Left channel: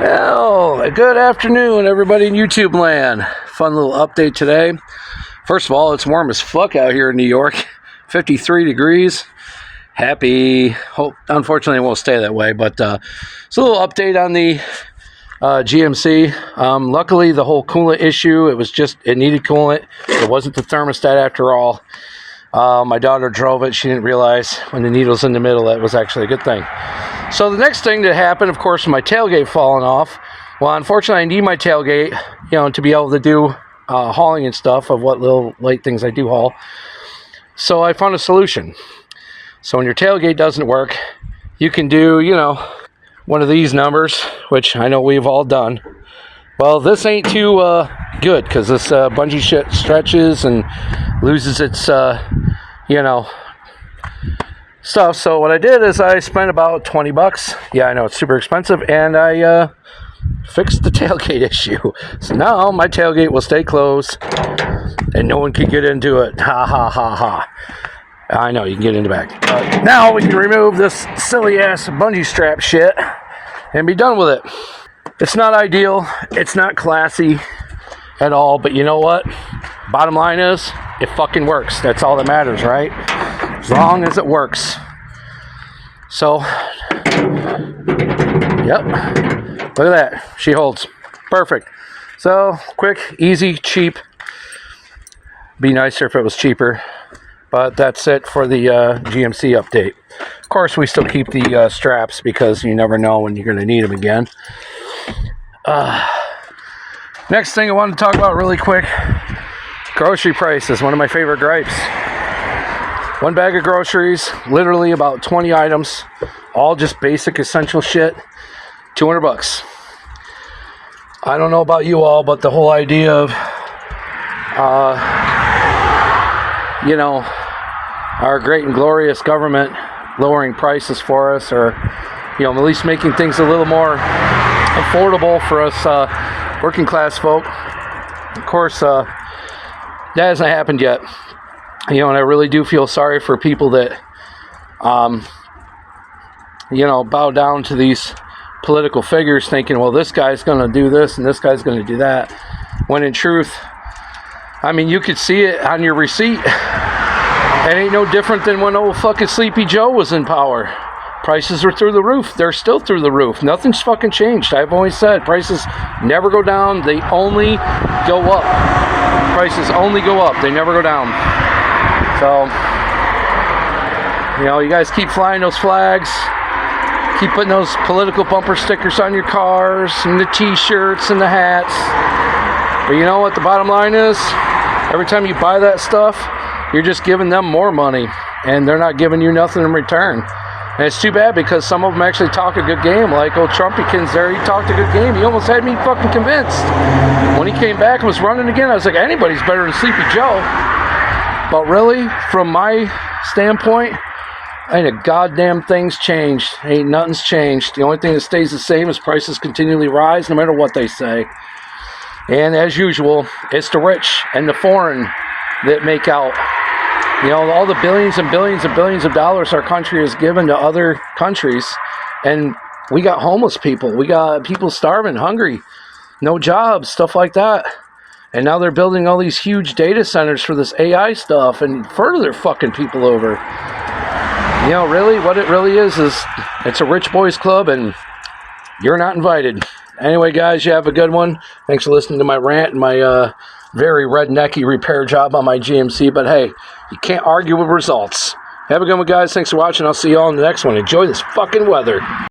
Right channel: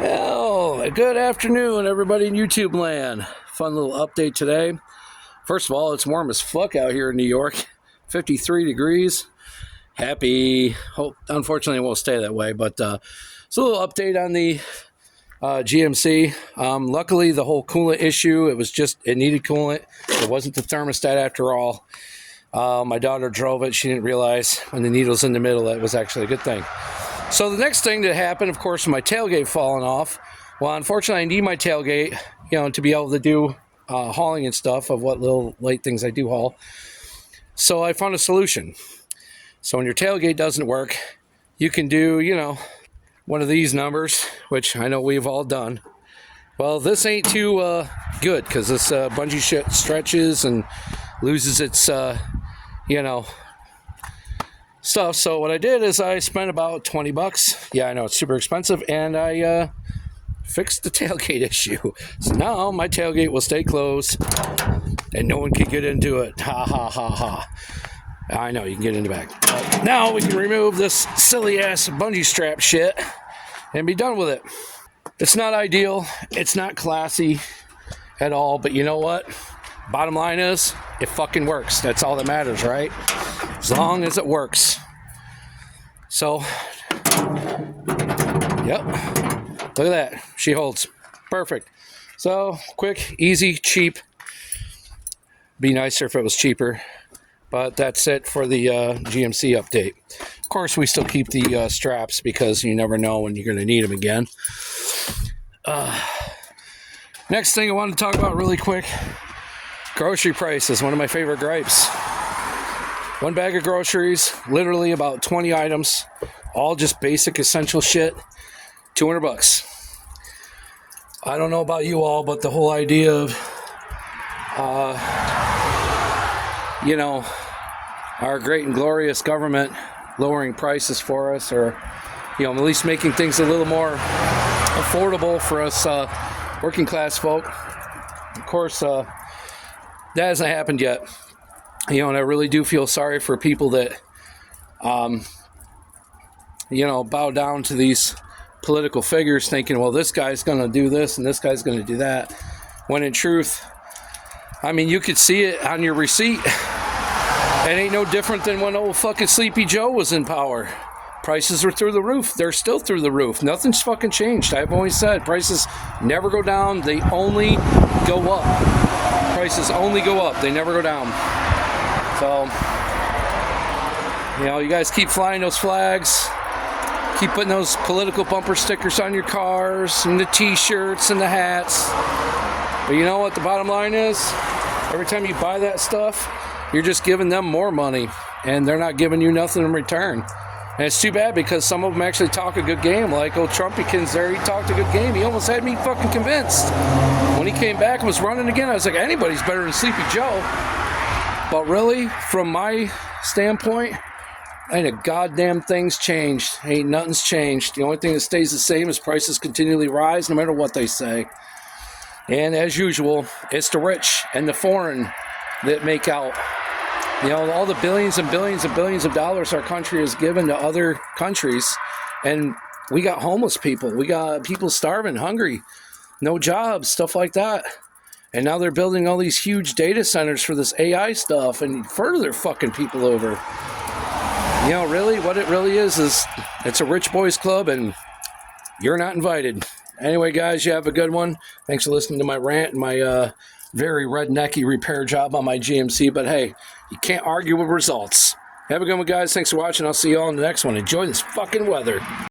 Well, good afternoon, everybody in YouTube land. Fun little update today. First of all, it's warm as fuck out here in New York. 53 degrees. Happy. Hope, unfortunately, it won't stay that way, but it's a little update on the GMC. Luckily, the whole coolant issue, it needed coolant. It wasn't the thermostat after all. My daughter drove it. She didn't realize when the needle's in the middle, that was actually a good thing. So the next thing that happened, of course, was my tailgate falling off. Well, unfortunately, I need my tailgate, to be able to do hauling and stuff of what little light things I do haul. So I found a solution. So when your tailgate doesn't work, you can do, one of these numbers, which I know we've all done. Well, this ain't too good because this bungee shit stretches and loses its, stuff. So what I did is I spent about $20. Yeah, I know it's super expensive, and I fixed the tailgate issue. So now my tailgate will stay closed and no one can get into it. Ha ha ha ha. I know you can get in the back. But now we can remove this silly ass bungee strap shit and be done with it. It's not ideal, it's not classy at all, but you know what? Bottom line is, it fucking works. That's all that matters, right? As long as it works. So, yep. Look at that. She holds. Perfect. So, quick, easy, cheap. Be nicer if it was cheaper. But that's it for the GMC update. Of course, we still keep the straps because you never know when you're going to need them again. Next thing I want to talk about really quick. Grocery prices, one of my favorite gripes. One bag of groceries, literally about 20 items, all just basic essential shit, $200. I don't know about you all, but the whole idea of, our great and glorious government lowering prices for us, or, at least making things a little more affordable for us working class folk. Of course, that hasn't happened yet. And I really do feel sorry for people that, bow down to these political figures thinking, well, this guy's going to do this and this guy's going to do that. When in truth, you could see it on your receipt. It ain't no different than when old fucking Sleepy Joe was in power. Prices are through the roof. They're still through the roof. Nothing's fucking changed. I've always said prices never go down. They only go up. Prices only go up. They never go down. So, you guys keep flying those flags. Keep putting those political bumper stickers on your cars and the t-shirts and the hats. But you know what the bottom line is? Every time you buy that stuff, you're just giving them more money. And they're not giving you nothing in return. And it's too bad because some of them actually talk a good game. Like old Trumpykins there, he talked a good game. He almost had me fucking convinced. When he came back and was running again, I was like, anybody's better than Sleepy Joe. But really, from my standpoint, ain't a goddamn thing's changed. Ain't nothing's changed. The only thing that stays the same is prices continually rise no matter what they say. And as usual, it's the rich and the foreign that make out. All the billions and billions and billions of dollars our country has given to other countries. And we got homeless people. We got people starving, hungry, no jobs, stuff like that. And now they're building all these huge data centers for this AI stuff and further fucking people over. Really, what it really is it's a rich boys club and you're not invited. Anyway, guys, you have a good one. Thanks for listening to my rant and my very rednecky repair job on my GMC. But hey, you can't argue with results. Have a good one, guys. Thanks for watching. I'll see you all in the next one. Enjoy this fucking weather.